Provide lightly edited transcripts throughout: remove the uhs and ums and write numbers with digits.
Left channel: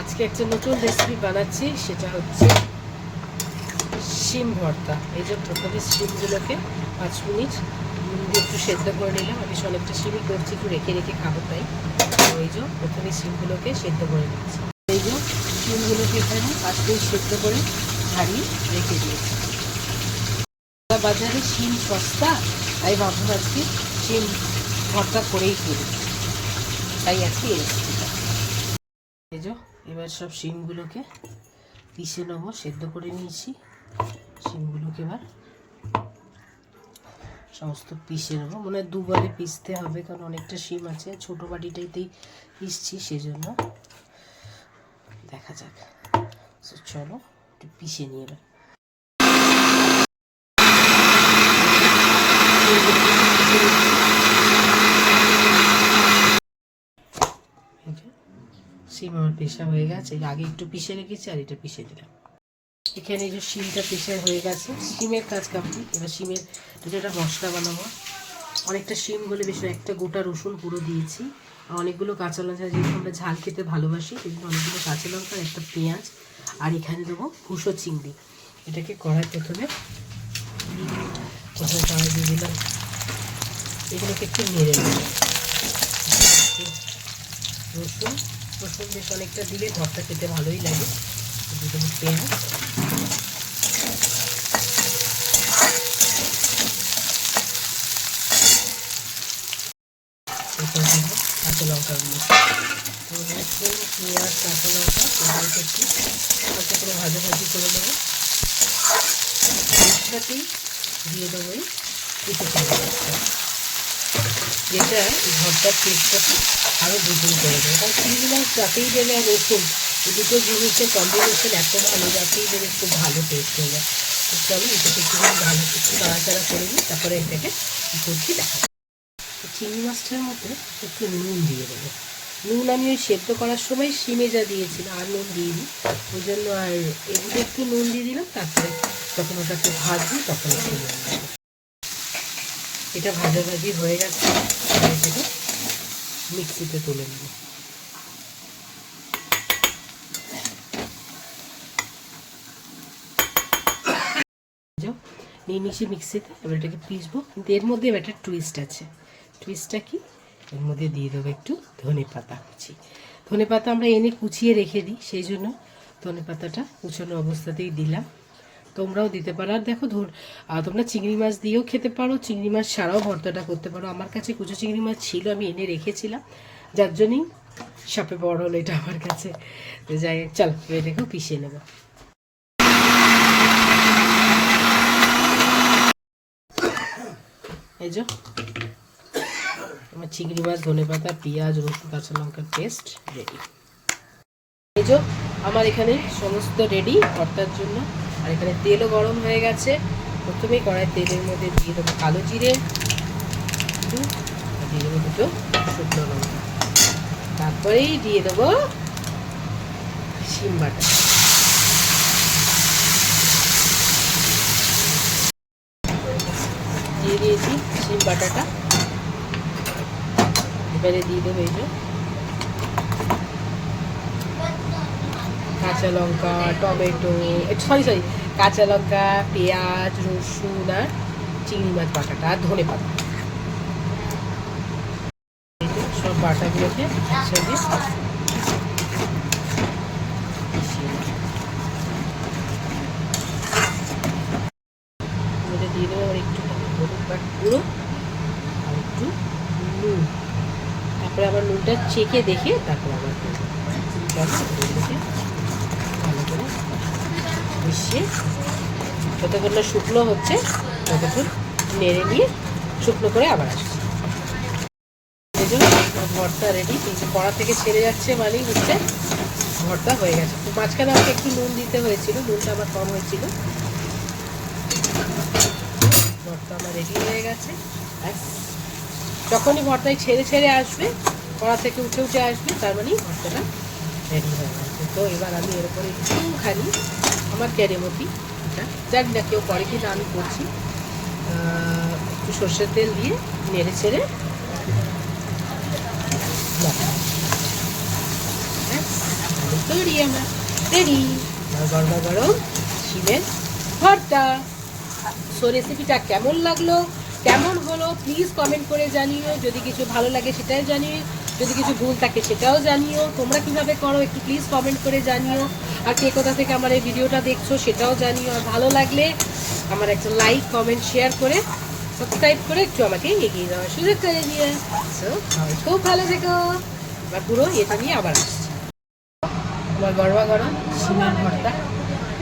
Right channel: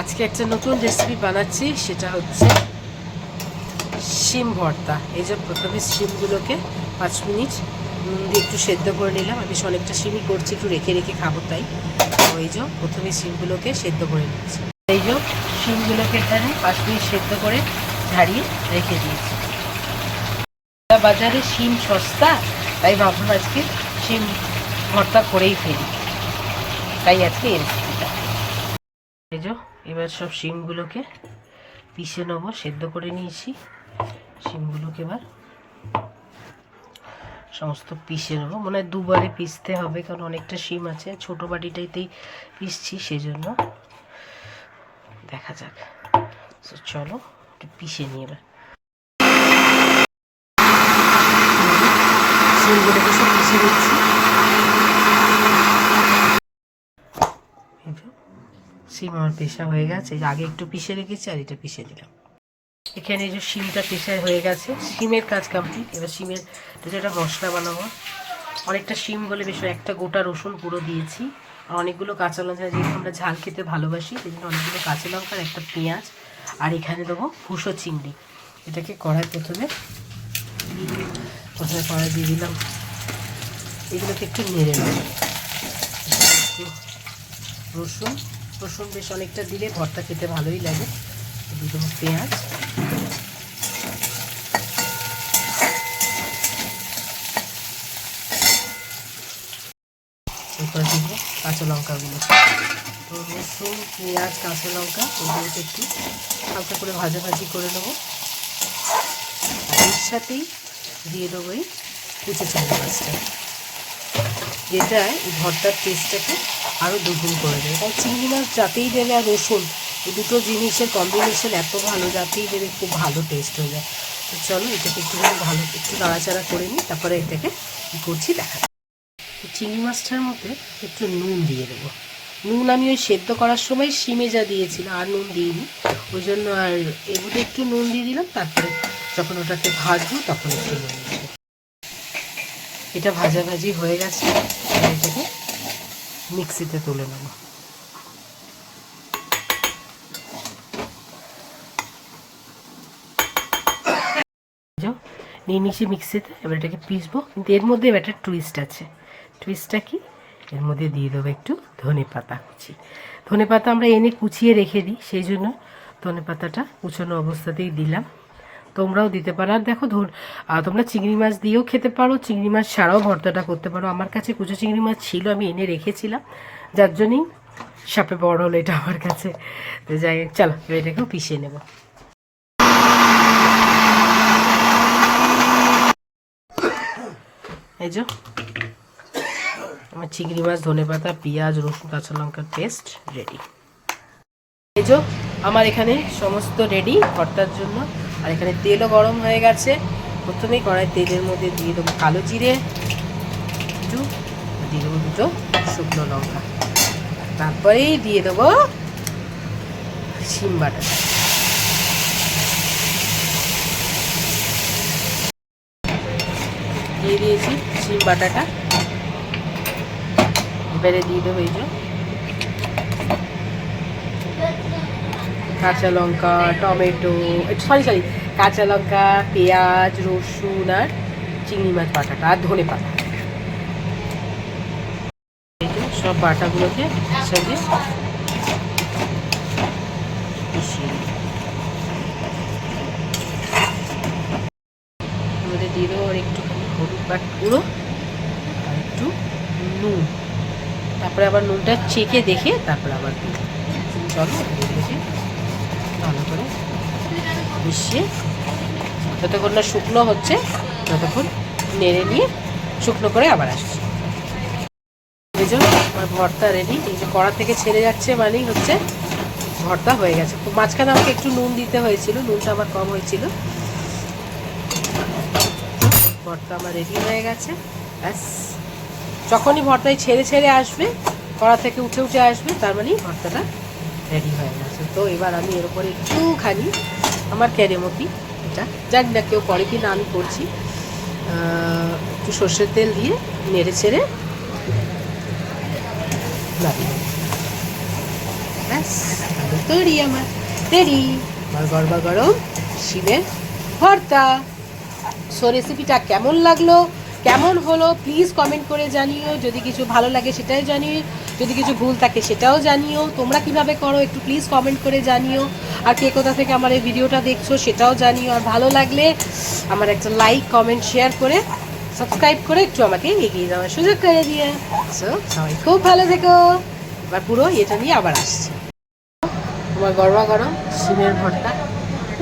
আজকে একটা নতুন রেসিপি বানাচ্ছি, সেটা হচ্ছে শিম ভর্তা। এই যে প্রথমে শিমগুলোকে 5 মিনিট নুন দিয়ে একটু সেদ্ধ করে নিলাম। আমি অনেকটা শিমই করছি, একটু রেখে রেখে খাবো তাই। তো এই যে প্রথমে শিমগুলোকে সেদ্ধ করে নিচ্ছি। এই যে শিমগুলোকে এখানে 5 মিনিট সেদ্ধ করে ঝাড়িয়ে রেখে দিয়েছি। বাজারে শিম সস্তা, তাই ভাবলাম আজকে শিম ভর্তা করেই ফেলি, তাই আজকে এই রেসিপিটা। এই যে এবার সব শিমগুলোকে পিষে নেবো, সেদ্ধ করে নিয়েছি। শিমগুলোকে এবার সমস্ত পিষে নেবো, মনে হয় দুবারে পিষতে হবে, কারণ অনেকটা শিম আছে। ছোটো বাটিটাইতেই পিষছি, সেই জন্য দেখা যাক। চলো একটু পিষে নিয়ে এবার শিমগুলোকে সব পিষে নিচ্ছি। শিম আমার পেশা হয়ে গেছে, আগে একটু পিষে রেখেছি আর এটা পিষে দিলাম। এখানে যে শিমটা পেশা হয়ে গেছে, শিমের কাজ কমপ্লিট। এবার শিমের যেটা মশলা বানাবো, অনেকটা শিম বলে বেশ একটা গোটা রসুন পুরো দিয়েছি, আর অনেকগুলো কাঁচা লঙ্কা, যেহেতু আমরা ঝাল খেতে ভালোবাসি সেই জন্য অনেকগুলো কাঁচা লঙ্কা আর একটা পেঁয়াজ, আর এখানে দেবো ভুষো চিংড়ি। এটাকে কড়াই প্রথমে কড়াই দিয়ে দিলাম। এগুলোকে একটু নেড়ে নেব। রসুন বেশ অনেকটা দিলে ভর্তা খেতে ভালোই লাগে। দিয়ে দেবো পেঁয়াজ, এরপর দিব কাঁচা লঙ্কাগুলো। তো রসুন, পেঁয়াজ, কাঁচা লঙ্কা এগুলোকে একটু হালকা করে ভাজাভাজি করে নেবো। এর সাথেই দিয়ে দেবো এই কুচো চিংড়ি মাছটা, যেটা এই ভর্তার টেস্টটাকে আরও দ্বিগুণ করে দেবে। কারণ চিংড়ি মাছ যাতেই দেবে আর রসুন, এই দুটো জিনিসের কম্বিনেশন এত ভালো, যাতেই দেবে খুব ভালো টেস্ট হয়ে যায়। তো চলো এটাকে একটুখানি ভালো একটু নাড়াচাড়া করে নিই, তারপরে এটাকে কী করছি দেখা। চিংড়ি মাছটার মধ্যে একটু নুন দিয়ে দেবো। নুন আমি ওই সেদ্ধ করার সময় শিমে যা দিয়েছিলাম, আর নুন দিইনি, ওই জন্য আর এর মধ্যে একটু নুন দিয়ে দিলাম। তারপরে যখন ওটাকে ভাজবো তখন একটু নুন দেবো। এটা ভাজাভাজি হয়ে গেছে, এটাকে মিক্সিতে তুলে নেব। নিয়ে নিয়েছি মিক্সিতে, এবার এটাকে পিসবো। কিন্তু এর মধ্যে একটা টুইস্ট আছে। টুইস্টটা কি, এর মধ্যে দিয়ে দেবো একটু ধনে পাতা কুচি। ধনে পাতা আমরা এনে কুচিয়ে রেখে দিই, সেই জন্য ধনে পাতাটা কুচানো অবস্থাতেই দিলাম। তোমরাও দিতে পারো। আর দেখো তোমরা চিংড়ি মাছ দিয়েও খেতে পারো, চিংড়ি মাছ ছাড়াও ভর্তাটা করতে পারো। আমার কাছে কুচো চিংড়ি মাছ ছিল, আমি এনে রেখেছিলাম, যার জন্যই সাপে বড় হলো এটা আমার কাছে। তো যাই, চলো এটাকেও পিষে নেব। এই যে আমার চিংড়ি মাছ, ধনে পাতা, পেঁয়াজ, রসুন, কাঁচা লঙ্কার পেস্ট রেডি। এই যে আমার এখানে সমস্ত রেডি ভর্তার জন্য। আর এখানে তেলও গরম হয়ে গেছে। প্রথমেই কড়াই তেলের মধ্যে দিয়ে দেবো কালো জিরে একটু, দিয়ে দেবো দুটো শুকনো লঙ্কা, তারপরেই দিয়ে দেবো শিম বাটাটা। দিয়ে দিয়েছি শিম বাটাটা। এবারে দিয়ে দেবো এই যে কাঁচা লঙ্কা, টমেটো, সরি কাঁচা লঙ্কা, পেঁয়াজ, রসুন আর চিংড়ি মাছ বাটাটা, আর ধনে পাতা। এই যে সব বাটাগুলোকে একসঙ্গে মিশিয়ে দেবো। মধ্যে দিয়ে দেবো আর একটুখানি হলুদ গুঁড়ো আর একটু নুন। তারপরে আবার নুনটা চেখে দেখে তারপরে আবার দেবো। চলো এগুলোকে ভালো করে মিশিয়ে যতক্ষণ না শুকনো হচ্ছে ততক্ষণ নেড়ে নিয়ে শুকনো করে আবার আসছি। এই জন্য আমার ভর্তা রেডি। এই যে কড়া থেকে ছেড়ে যাচ্ছে মানেই হচ্ছে ভর্তা হয়ে গেছে। মাঝখানে আমাকে একটু নুন দিতে হয়েছিল, নুনটা আমার কম হয়েছিল। ভর্তা আমার রেডি হয়ে গেছে। ব্যাস, যখনই ভর্তায় ছেড়ে ছেড়ে আসবে, কড়া থেকে উঠে উঠে আসবে, তার মানেই ভর্তাটা রেডি হয়ে গেছে। তো এবার আমি এর উপরে একটুখানি আমার কেরেমতি, এটা জানি না কেউ করে কি না, আমি করছি, একটু সর্ষের তেল দিয়ে নেড়ে ছেড়ে ব্যাস, তো তৈরি আমার, রেডি আমার গরমা গরম শিমের ভর্তা। সো রেসিপিটা কেমন লাগলো, কেমন হলো প্লিজ কমেন্ট করে জানিও। যদি কিছু ভালো লাগে সেটাই জানিও, যদি কিছু ভুল থাকে সেটাও জানিও। তোমরা কিভাবে করো একটু প্লিজ কমেন্ট করে জানিও। আর কে কোথা থেকে আমার এই ভিডিওটা দেখছো সেটাও জানিও। আর ভালো লাগলে আমার একটা লাইক কমেন্ট শেয়ার করে সাবস্ক্রাইব করে একটু আমাকে এগিয়ে যাওয়ার সুযোগ করে দিয়ে। সো সবাই খুব ভালো থেকো। এবার পুরো এটা নিয়ে আবার আসছি। তোমার গরমা গরম শিমের ভর্তা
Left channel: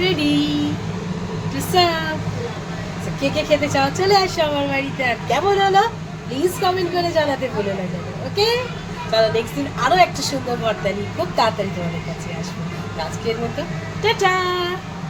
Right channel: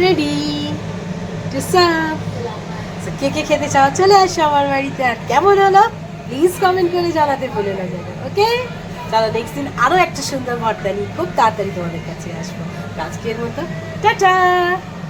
রেডি টু সার্ভ। কে কে খেতে চাও চলে আসো আমার বাড়িতে। আর কেমন হলো প্লিজ কমেন্ট করে জানাতে ভুলে না যেন। ওকে, চলো নেক্সট দিন আরো একটা সুন্দর ভর্তা নিয়ে খুব তাড়াতাড়ি তোমাদের কাছে আসবো। আজকের মতো টাটা।